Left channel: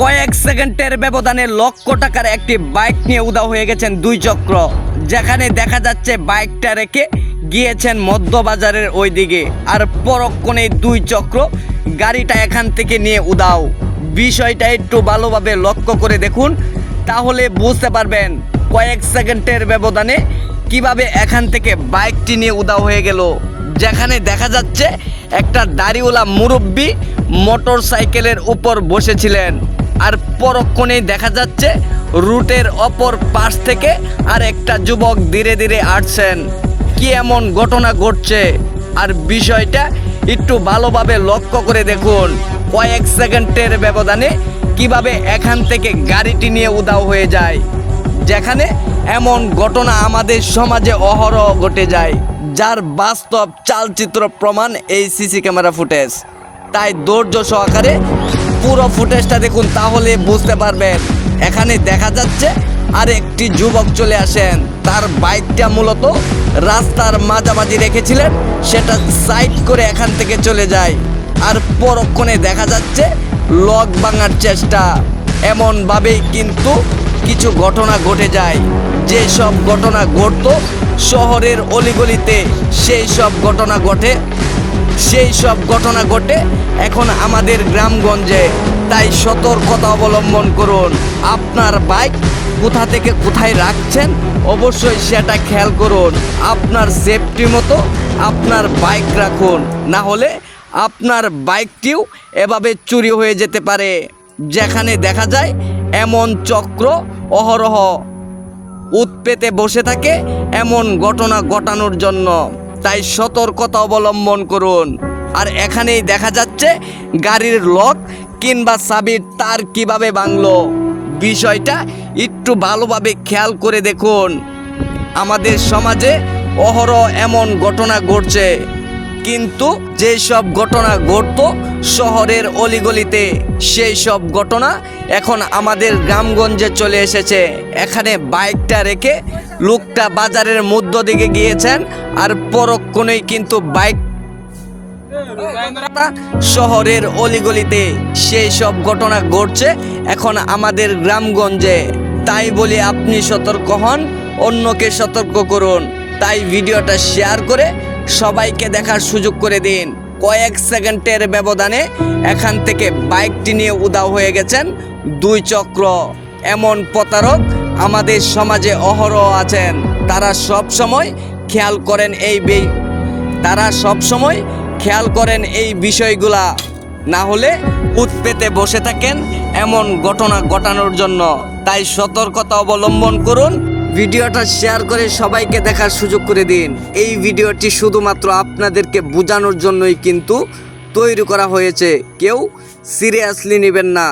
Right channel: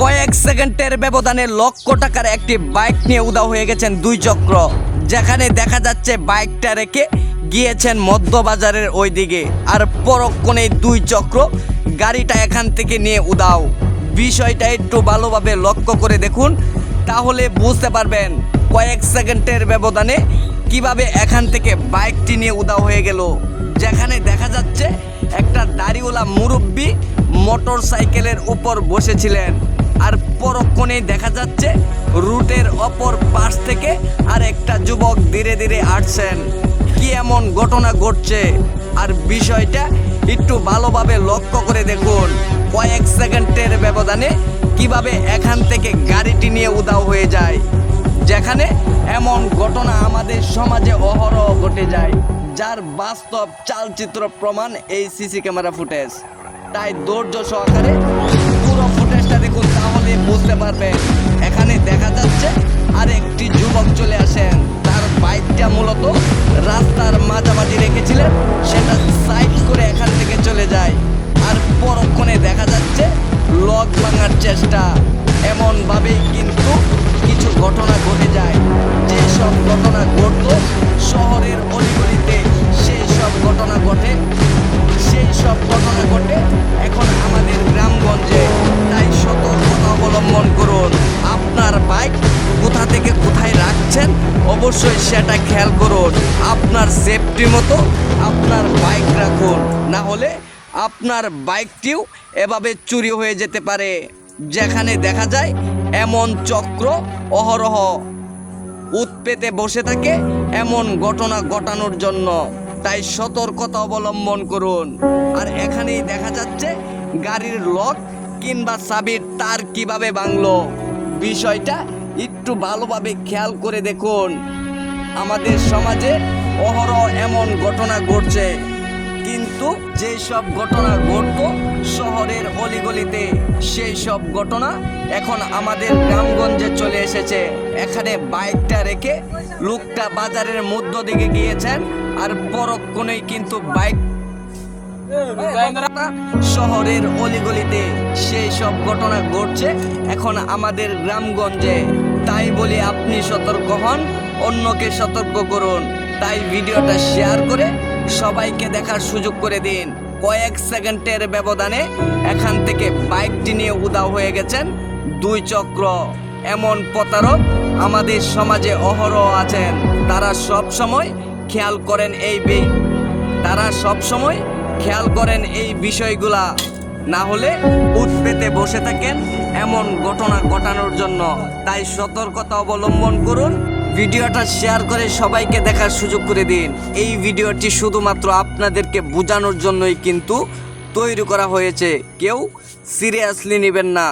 কয়েক সেকেন্ডের ব্যবধানে লক্ষ টাকার একটি বাইক নিয়ে উধাও হয়ে গেছেন দুই চক্র, যেখানে দেখা যাচ্ছে বাইকটা রেখে গিয়েছেন মধ্যবাজারের ওই দিকে, আর পরক্ষণেই দুই চক্র গাড়িটা এখান থেকে নিয়ে উধাও। বিষয়টা একটু ভালোভাবে লক্ষ্য করে দেখুন, তাহলে বুঝতে পারবেন কয়েক সেকেন্ডের ব্যবধানে কিভাবে এখান থেকে বাইকটি নিয়ে উধাও হয়ে গেল। যেখানে দেখা যাচ্ছে একটা দাড়িওয়ালা মুরব্বি মোটর সাইকেলের উপর বসেছিলেন, আর পরক্ষণেই দেখা যাচ্ছে রুটের অপর পাশ থেকে আর একটা যুবক ধীরে ধীরে আসছেন। কি এমন ঘটনা ঘটছে, আর বিষয়টা একটু ভালোভাবে লক্ষ্য করে দেখুন কয়েক সেকেন্ডের ব্যবধানে কিভাবে এখান থেকে গাড়িটি নিয়ে উধাও হয়ে যায়। যেখানে এমন ঘটনা আমাদের সমাজে অহরহ ঘটে যায়, যার বাস্তব চালচিত্র প্রমাণ এই সিসি ক্যামেরা ফুটেজ। তাই ধৈর্য সহকারে পুরো ফুটেজটা দেখুন, তাহলে বুঝতে পারবেন। এখানে দেখা যাচ্ছে আর একটি যুবক চলে আসেন, তার বাইকটা মূলত রাস্তার মাঝামাঝি রেখেছিলেন, সেটা সাইড করে এখান থেকে চলে যায়। আর পরক্ষণে দেখা যাচ্ছে লক ভাঙার চেষ্টা। এমনভাবেই কিন্তু কিছু ঘটনা ঘটে যায়। যেসব ঘটনা ঘটতো শহরের অলিগলিতে, সেই সব ঘটনা ঘটে এখন আমাদের গ্রামগঞ্জে। তাই সতর্কতা অবলম্বন করুন। আপনার বাইক কোথা থেকে কোথায় রাখছেন অবশ্যই সেটা খেয়াল করুন। আপনার সেফটি মতো আপনার বাইক রাখুন, না হলে আপনার বাইকটিও এভাবে চুরি হয়ে যেতে পারে। যেখানে দেখা যায় এমন চক্র অহরহ উৎপেতে বসে থাকে এমন ঘটনা ঘটানোর জন্য। তাই সতর্কতা অবলম্বন করুন। আর এখানেই দেখা যাচ্ছে গাড়ির লক কিংবা চাবির তার কিভাবে ভাঙলো। বিষয়টা একটু ভালোভাবে খেয়াল করে দেখুন। আমাদের সমাজে অহরহ এমন ঘটনা ঘটছে, কিন্তু যেই সব ঘটনা ঘটতো শহরের অলিগলিতে, সেই সব ঘটনা এখন আমাদের গ্রামগঞ্জে চলে এসেছে। এখানে বাইকটা রেখে লোকটা বাজারের মধ্য দিকে গিয়েছেন, আর পরক্ষণেই কিন্তু বাইক শহরের অলিগলিতে সেই সব ঘটনা ঘটছে এখন আমাদের গ্রামগঞ্জে। তাই বলি আপনি সতর্ক হন, অন্যকে সতর্ক করুন। তাই ভিডিওটা শেয়ার করে সবাইকে দেখার সুযোগ করে দিন। কয়েক সেকেন্ডের ব্যবধানে এখান থেকে বাইকটি নিয়ে উধাও হয়ে গেছেন দুই চক্র। এমন প্রতারক আমাদের সমাজে অহরহ আছেন। তারা সব সময় খেয়াল করেন এই বিষয়গুলা, না হলে উৎপেতে বসে থাকেন এমন ঘটনা ঘটানোর জন্য। তাই সতর্কতা অবলম্বন করুন। ভিডিওটা শেয়ার করে সবাইকে দেখার সুযোগ করে দিন। এই ভিডিওটি শুধুমাত্র আপনাদেরকে বোঝানোর জন্যই কিন্তু তৈরি করা হয়েছে, কেউ সিরিয়াসলি নেবেন না।